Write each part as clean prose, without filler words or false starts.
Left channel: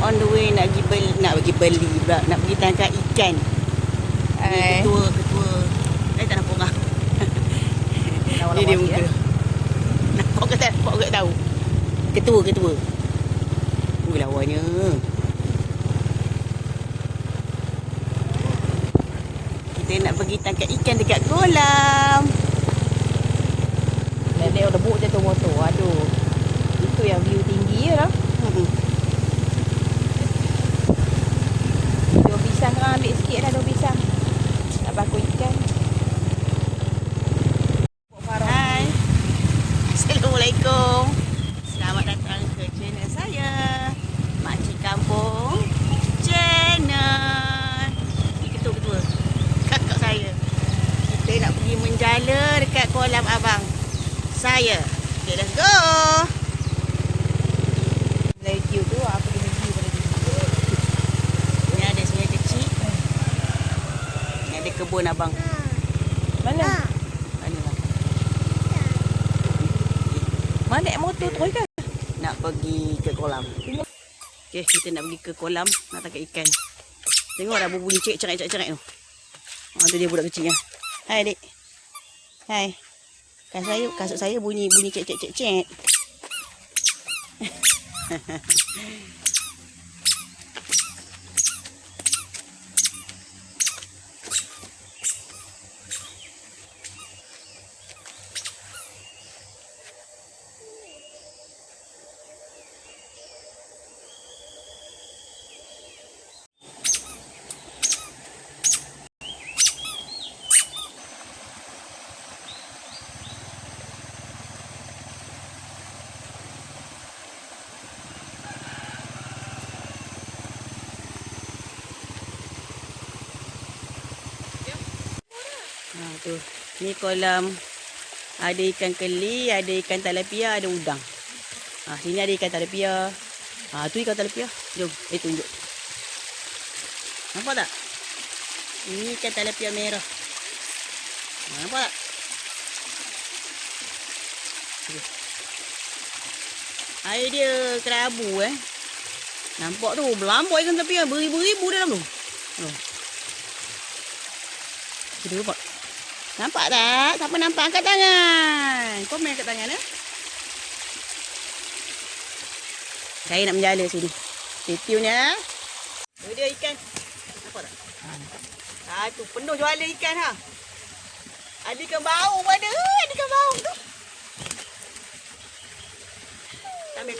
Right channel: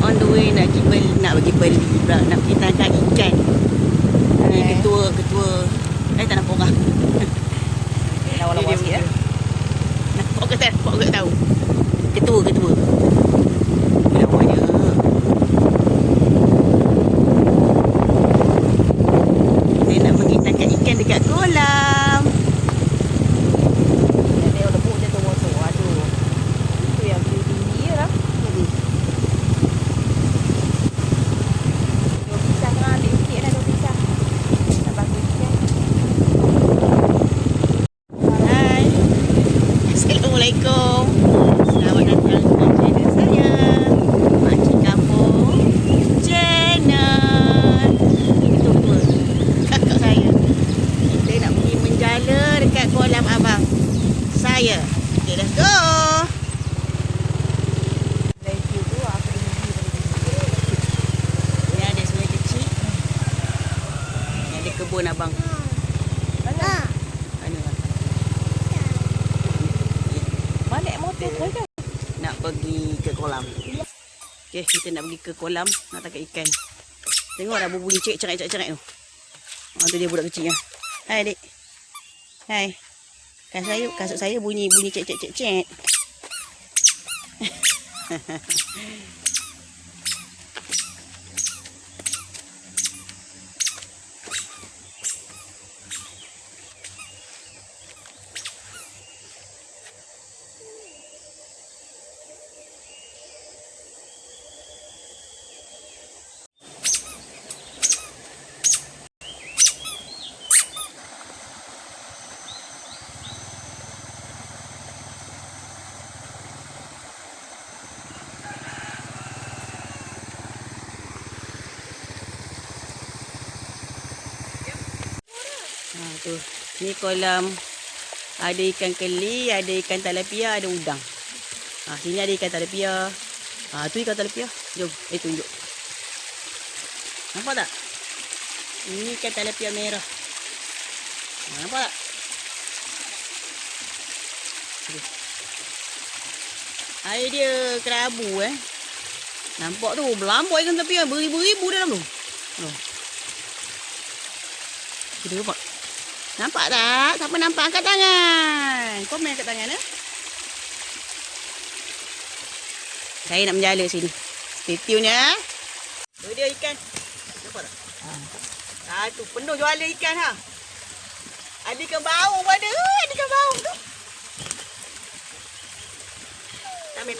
on the way nak pergi beli pula, nak pergi tangkap ikan. Ketua. Tak nampak orang. Lawa-lawa sikit eh. Nampak ke tak? Nampak ke tahu? Ketua. Lawanya. Saya nak pergi tangkap ikan dekat kolam. Dia lebuk je tu motor. Aduh. Itu yang view tinggi je lah. Dua pisang lah. Ambil sikit dah 2 pisang. Nak bakar ikan. Hai. Assalamualaikum. Selamat datang ke channel saya, Makcik Kampung Channel. Ini ketua. Kakak saya. Kita nak pergi menjala dekat kolam abang saya. Okay, let's go. Lagi tu apa dia lagi pada dia. Ni ada sungai kecil. Ni ada kebun abang. Mana? Mana lah. Mana naik motor terus ke? Nak pergi ke kolam. Okay, kita nak pergi ke kolam nak tangkap ikan. Tengok dah berbunyi cerak tu. Tu dia budak kecil. Hai adik. Hai. Kasut saya bunyi cek. Tu. Ni kolam. Ada ikan keli, ada ikan talapia, ada udang. Sini ada ikan talapia. Tu ikan talapia. Jom, tunjuk. Nampak tak? Ini ikan talapia merah. Nampak tak? Air dia kerabu Nampak tu, berlambak ikan talapia. Beribu-ribu dalam tu. Kita nampak. Nampak tak? Siapa nampak? Angkat tangan. Komen angkat tangan Saya nak menjala sini. Stay tune ya. Tu dia ikan. Nampak tak? Tu penuh jualan ikan Ada ikan baung pun ada. Ada ikan baung tu. Tamil.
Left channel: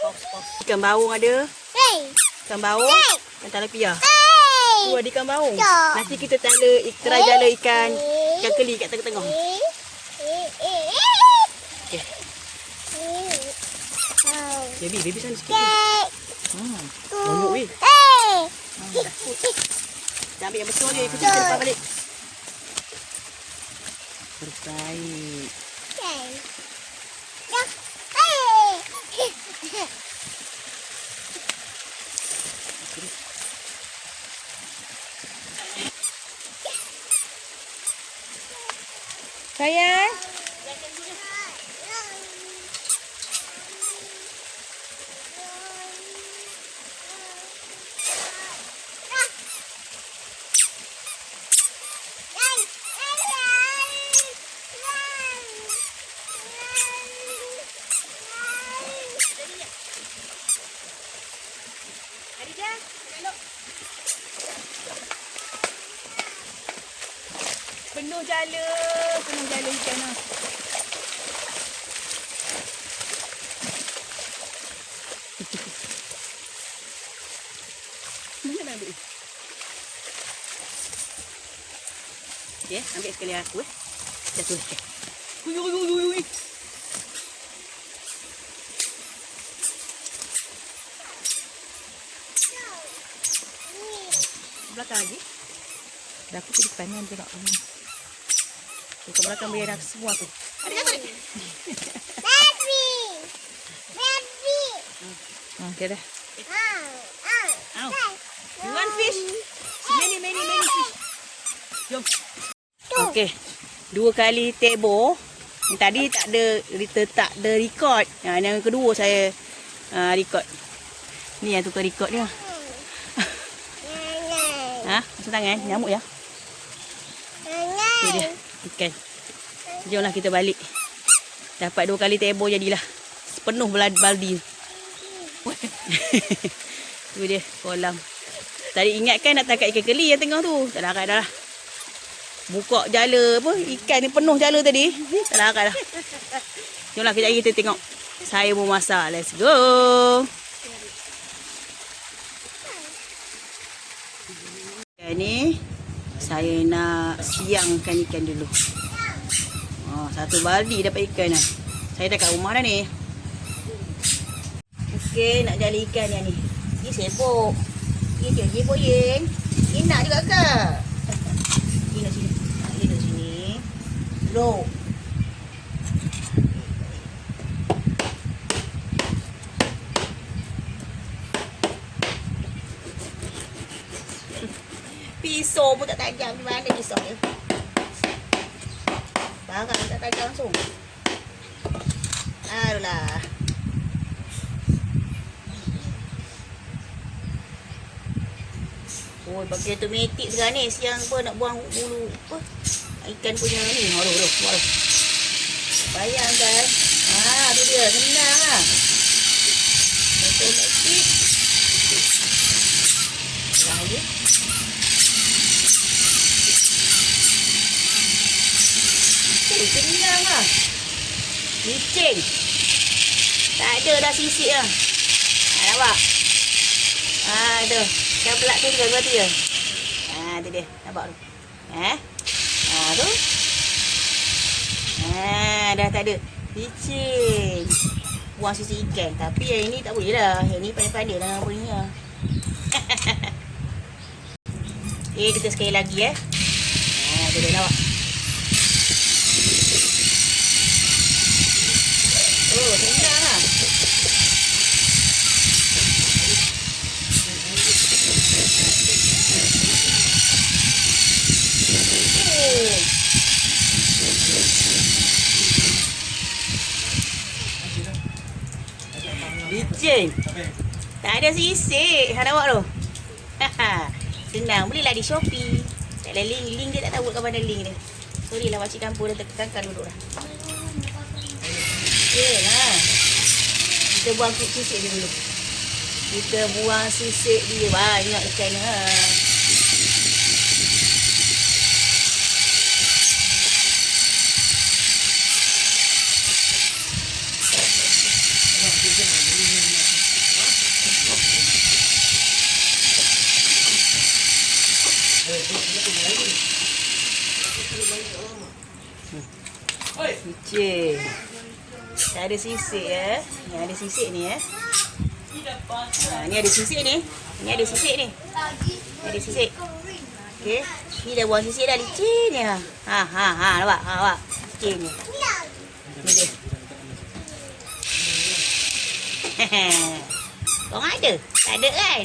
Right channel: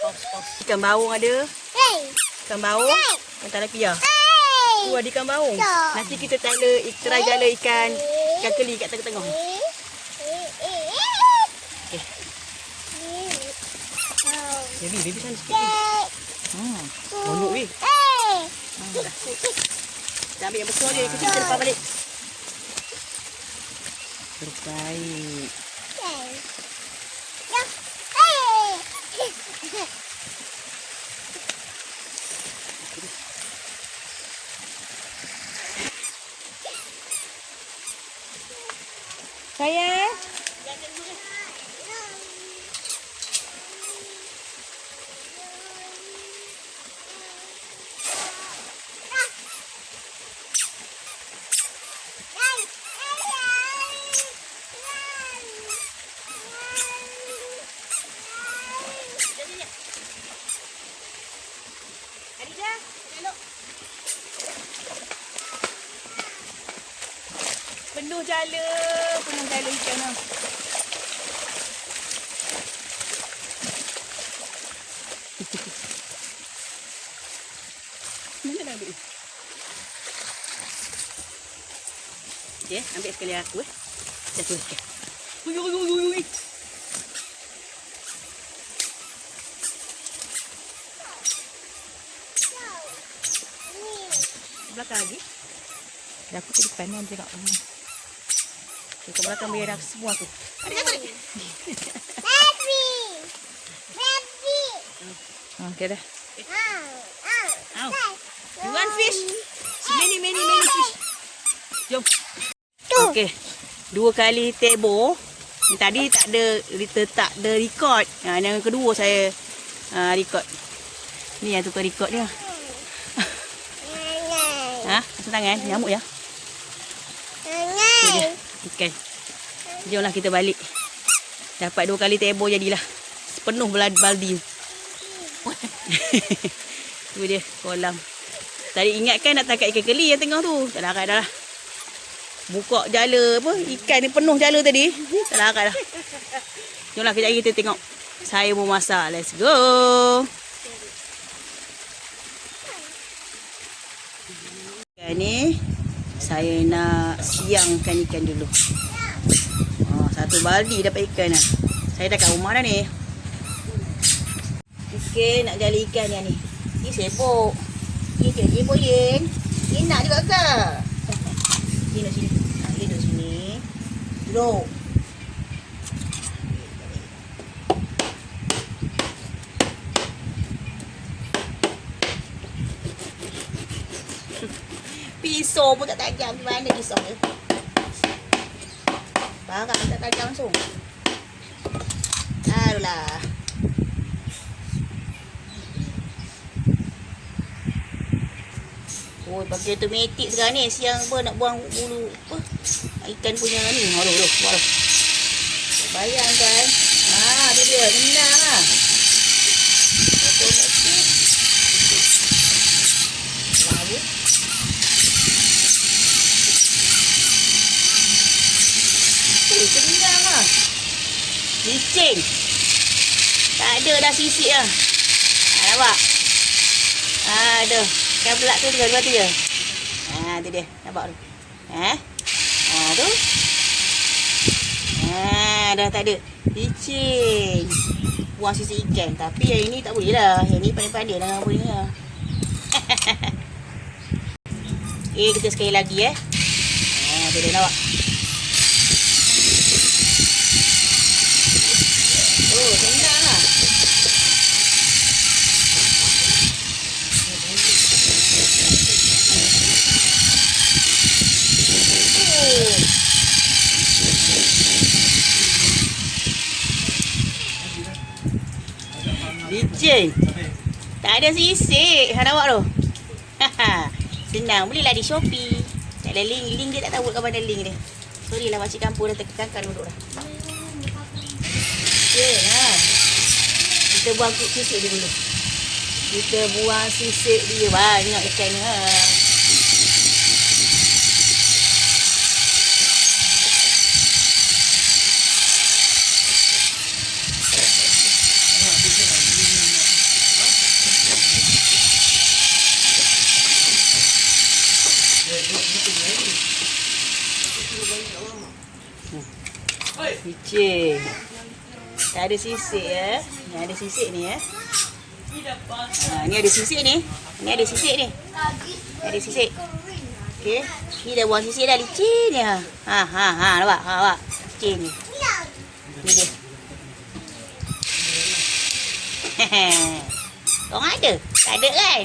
Pause. Ikan baung ada. Ikan baung. Ikan talapia. Tu ada ikan baung. Nanti kita try jala ikan keli kat tengah-tengah. Okay. Baby sana sikit. Bonyok weh. Takut. Kita ambil yang besar je. Kecil kita lepas balik. Terbaik. Sayang. Khadijah, elok. Penuh jala ikan ni. Mana dah ambil? Okay, ambil sekali aku Jatuh ikan. Ui. Belakang lagi. Dah aku ke depan ni tengok kamu. Okay, ke belakang biar aku semua tu. Ada. Baby. Okay dah. You want fish? So many fish. Jom. Okay. 2 kali tebo. Yang tadi tak ada record. Yang kedua saya record. Ni yang tukar record dia. Masuk tangan, nyamuk ya. Tu dia, ikan. Jomlah kita balik. Dapat 2 kali tebo jadilah. Sepenuh baldi. Tu dia, kolam. Tadi ingatkan nak tangkap ikan keli yang tengah tu. Tak larat dah lah. Buka jala apa, ikan ni penuh jala tadi. Tak larat dah. Jomlah kejap lagi kita tengok saya memasak. Let's go. Ni saya nak siangkan ikan dulu. Satu baldi dapat ikan dah. Saya dah kat rumah dah ni. Okey, nak jala ikan dah ni. Ni sepok. Ni sepok Yen. Ni nak juga ke? Ni nak sini. Ni nak sini. Duduk. Pisau pun tak tajam. Mana pisau ni? Barang tak tajam langsung. Adulah. Oh, pakai automatik sekarang ni. Siang apa nak buang bulu apa? Ikan punya ni. Aduh. Bayangkan. Dia dia. Senang lah. Automatik. Lalu. Senang lah. Licin. Tak ada dah sisik lah. Nampak? Ada. Kan belak tu dua tu je. Tu dia. Nampak tu. Tu. Dah tak ada. Licin. Buang sisik ikan. Tapi yang ini tak boleh lah. Yang ni pandai-pandai lah punya. Kita sekali lagi tu dia nampak. Oh, senang lah. Licin. Tak ada sisik. Nampak tu. Senang. Belilah di Shopee. Tak ada link. Link dia tak tahu kat mana link dia. Sorry lah makcik campur dah tekan duduk dah. Lah. Kita buang sisik dia dulu. Kita buang sisik dia. Banyak ikan ni. Licin. Tak ada sisik Ni ada sisik ni ni ada sisik ni. Ni ada sisik ni. Ada sisik. Okey. Ni dah buang sisik dah licin ni. Nampak? Licin ni. Ni dia. Korang ada? Tak ada kan?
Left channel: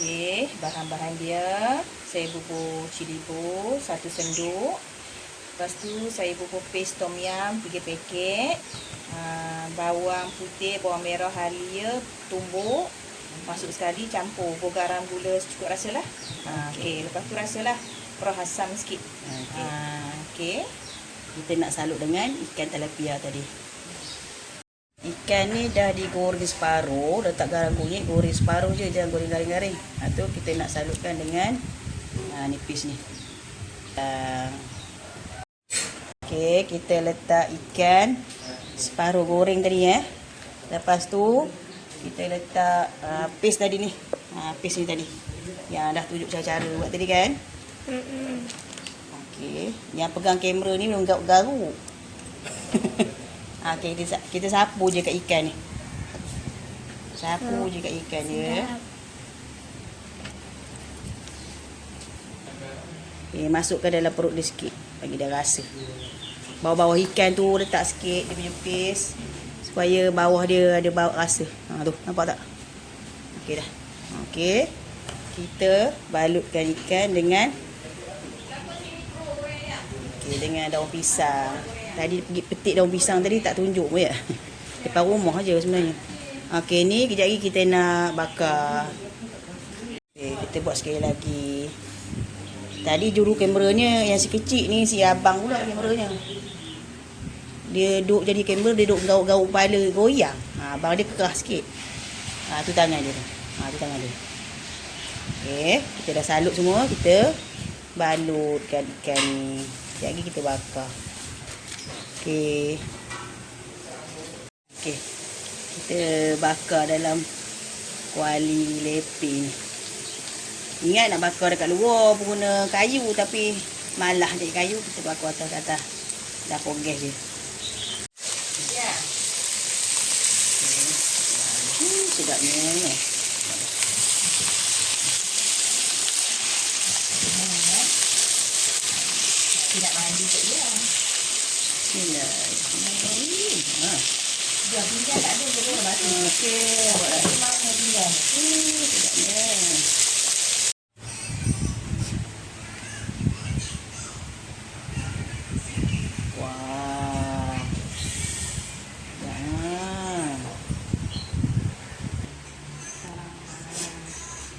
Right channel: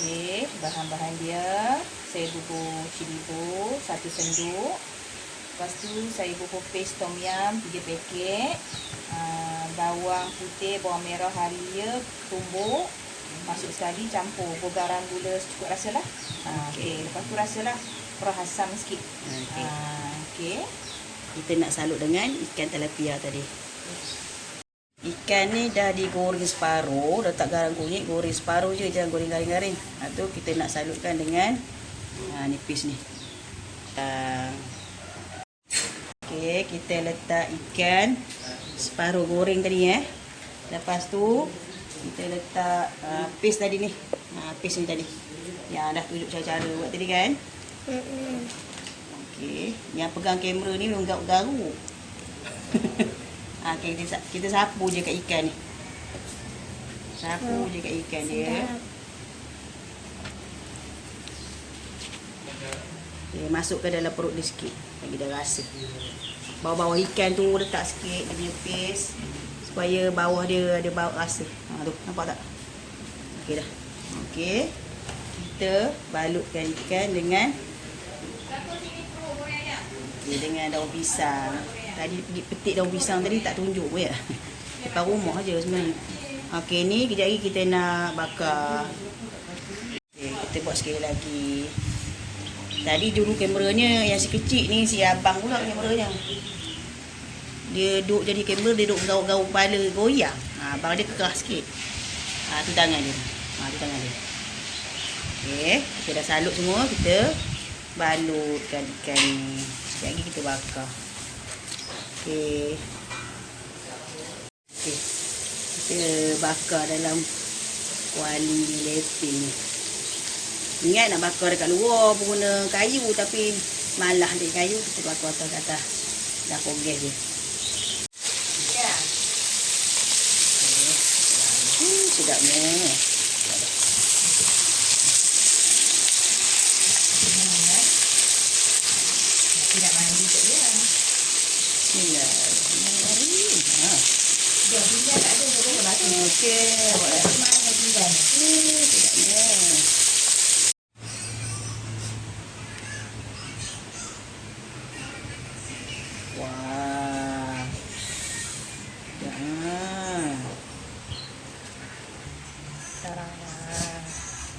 Okey, bahan-bahan dia saya bubur cili bubur 1 sendok. Lepas tu saya bubur paste tom yum 3 paket. Bawang putih, bawang merah halia, tumbuk. Masuk sekali, campur. Bubur garam, gula secukup rasa lah. Okey, lepas tu rasalah perah asam sikit. Okey. Kita nak salut dengan ikan tilapia tadi. Ikan ni dah digoreng separuh, letak garam kunyit, goreng separuh je, jangan goreng garing-garing. Tu kita nak salutkan dengan nipis ni. Okey, kita letak ikan separuh goreng tadi Lepas tu kita letak paste tadi ni. Paste ni tadi. Yang dah tunjuk saya cara buat tadi kan? Okey, yang pegang kamera ni memang garuk. Okay, kita sapu je kat ikan ni. Sapu je kat ikan dia. Okay, masukkan dalam perut dia sikit. Bagi dia rasa. bawah-bawah ikan tu letak sikit dia punya paste supaya bawah dia ada bau rasa. Tu nampak tak? Okey dah. Okey. Kita balutkan ikan dengan dengan daun pisang. Tadi pergi petik daun pisang tadi tak tunjuk pun ya. Depan rumah aja sebenarnya. Okey, ni kejap lagi kita nak bakar. Okey, kita buat sekali lagi. Tadi juru kameranya yang si kecil ni, si abang pula kameranya. Dia duduk jadi kamera, dia duduk gaul-gaul kepala, goyang. Abang dia keras sikit. Tu tangan dia. Tu tangan dia. Okey, kita dah salut semua, kita balutkan ikan ni. Sekejap lagi kita bakar. Okey. Okey. Kita bakar dalam kuali leping. Ingat nak bakar dekat luar pun guna kayu, tapi malah dekat kayu, kita bakar atas dapur gas je. Ya. Sedapnya. Tidak mandi kot dia. Bismillahirrahmanirrahim. Dia tinggal tak ada boleh batu. Okey, buatlah. Mana tinggal? Sedapnya. Wah. Ya.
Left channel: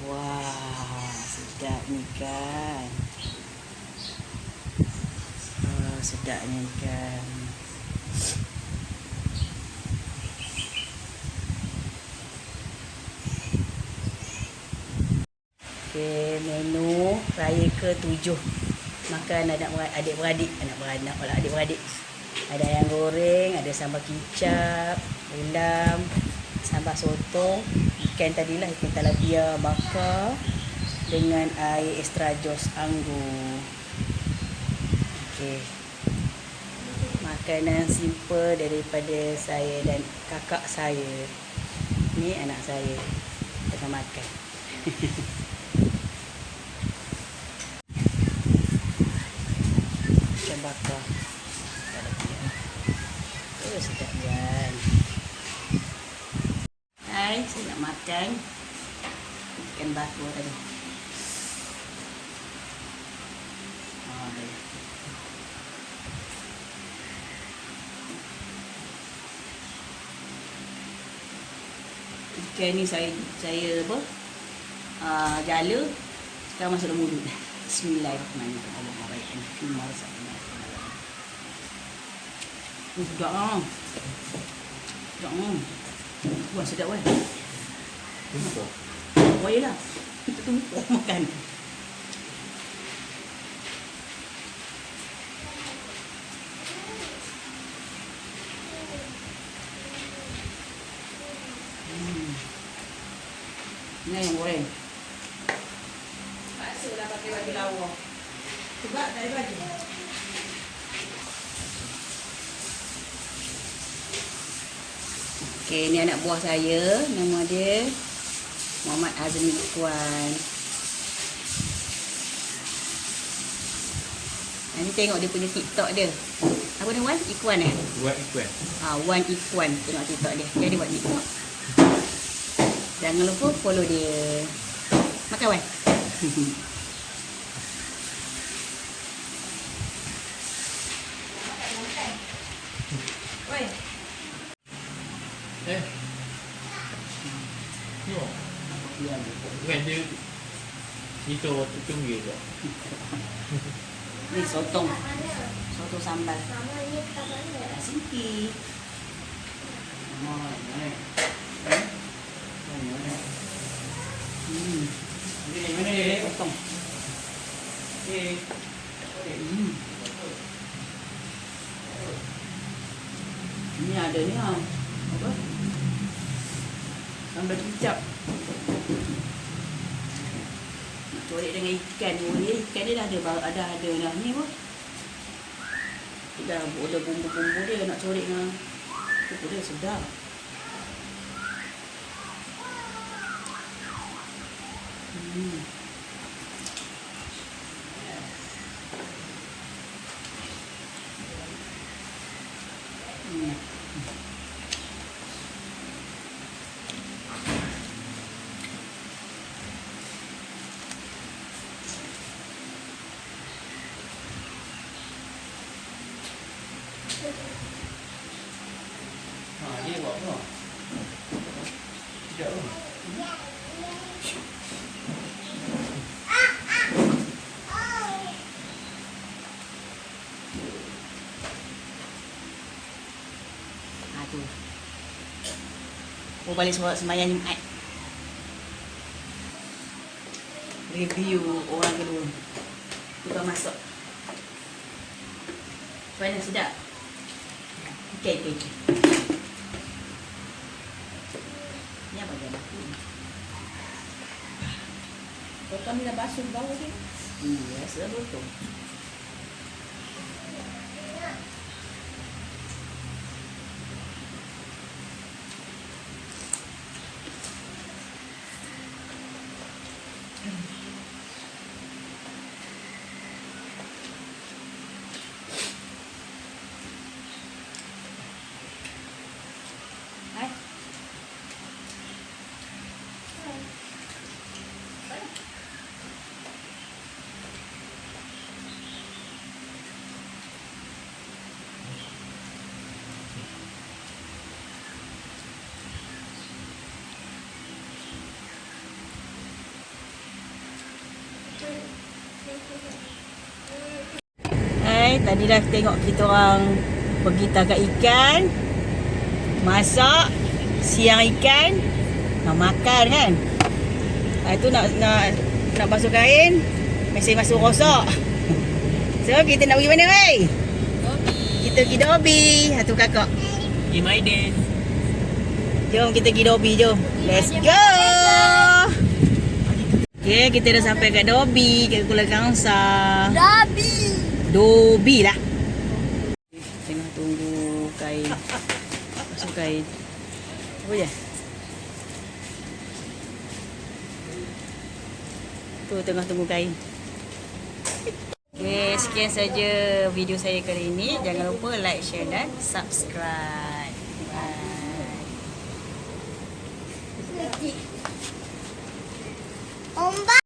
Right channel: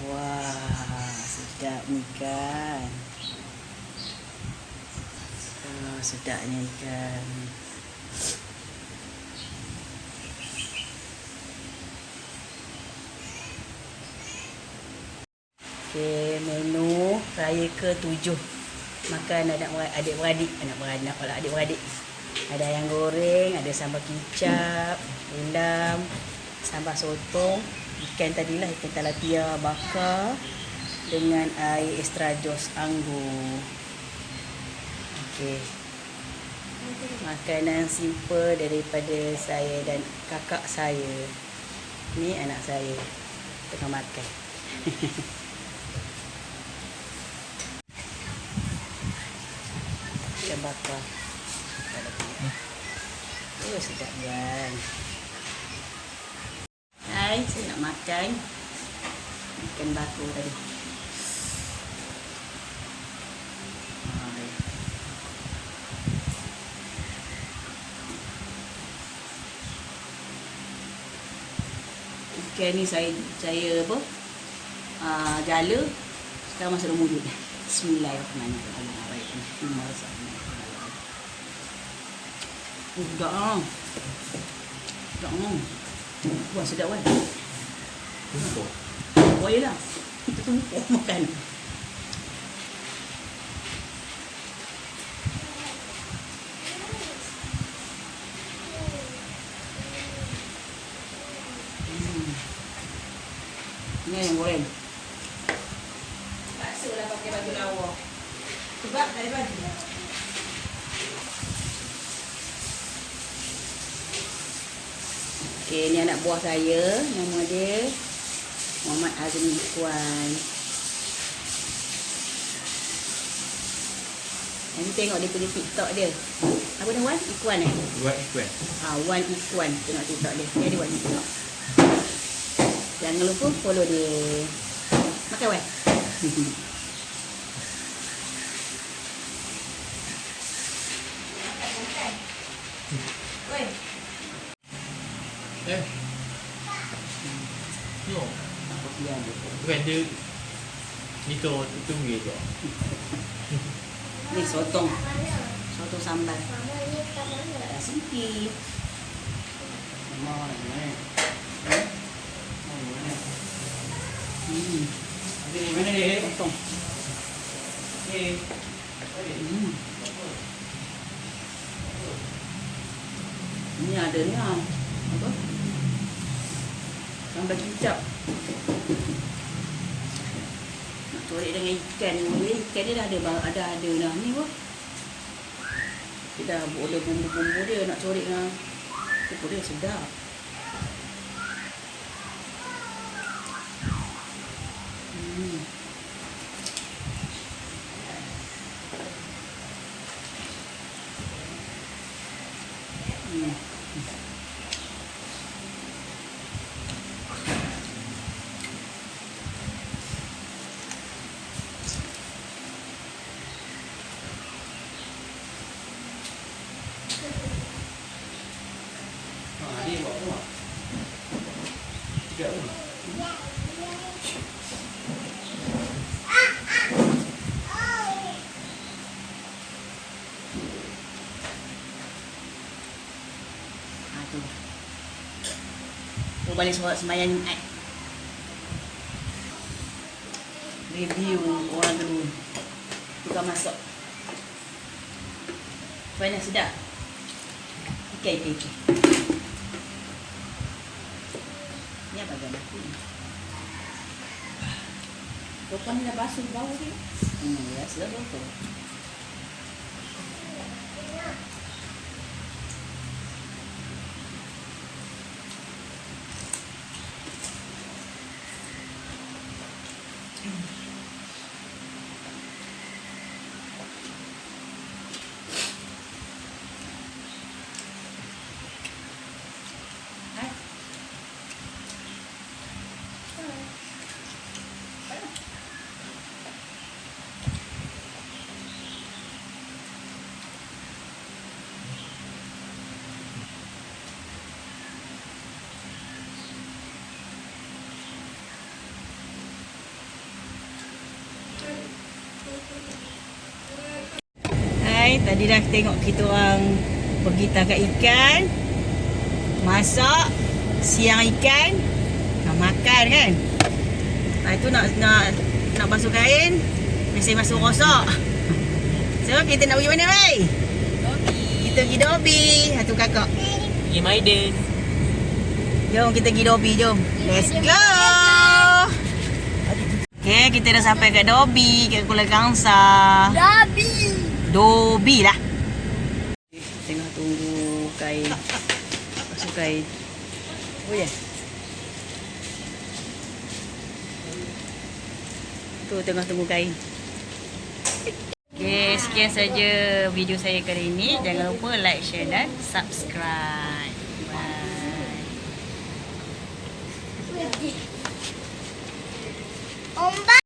Wah, sedap ni kan. Sedapnya ikan. Okey, menu raya ke-7. Makan adik-beradik. Adik-beradik. Ada ayam goreng, ada sambal kicap, ulam, sambal sotong, ikan tadilah, ikan tilapia bakar dengan air extra jos anggur. Okey. Makanan simple daripada saya dan kakak saya. Ni anak saya tengah makan. Ikan bakar. Sedap kan. Hai, saya nak makan ikan bakar tadi. Ikan ni saya apa? Jala. Sekarang masuk dalam mulut. Bismillahirrahmanirrahim. Sedap ah. Sedap ah. Wah, sedap kan? Tumpuk. Oh iyalah. Kita tumpuk makan. Ni yang goreng. Paksalah pakai baju lawa. Sebab tak ada baju. Okey, ni anak buah saya. Nama dia Muhammad Azmi Ikwan. Nanti tengok dia punya TikTok dia. Apa dia Wan? Ikwan eh? Wan Ikwan. Wan Ikwan. Tengok TikTok dia. Jadi Wan Ikwan. Jangan lupa follow dia. Makan Wan. Oi. Yo. Bukan dia itu tunggu je. Ni sotong. Sotong sambal. Sempit. Mana dia? Potong. Ni ada ni ah. Apa? Sambal kicap. Nak corek dengan ikan ni. Ikan dia dah ada dah ni apa? Kita dah ada bumbu-bumbu dia nak corek dengan. Itu dia sedap. Tu. Oh, balik semayang Jumaat. Review orang kedua. Tukar masak. Mana sedap? Ikan. Ni apa dia mati? Kau kan dah basuh bawah ni. Biasa betul. Hai, tadi dah tengok kita orang pergi tangkap ikan, masak, siang ikan, nak makan kan. Lepas tu nak basuh kain, masih masuk rosak. So kita nak pergi mana wei? Kita pergi Dobi. Satu kakak. Pergi Maiden. Jom kita pergi Dobi, jom. Let's go. Okay, kita dah sampai kat Dobi, kat Kuala Kangsar. Dobi lah. Tengah tunggu kain. Basuh kain. Oh ya. Tu tengah tunggu kain. Okay, sekian saja video saya kali ini. Jangan lupa like, share dan subscribe. Bye. Ombak.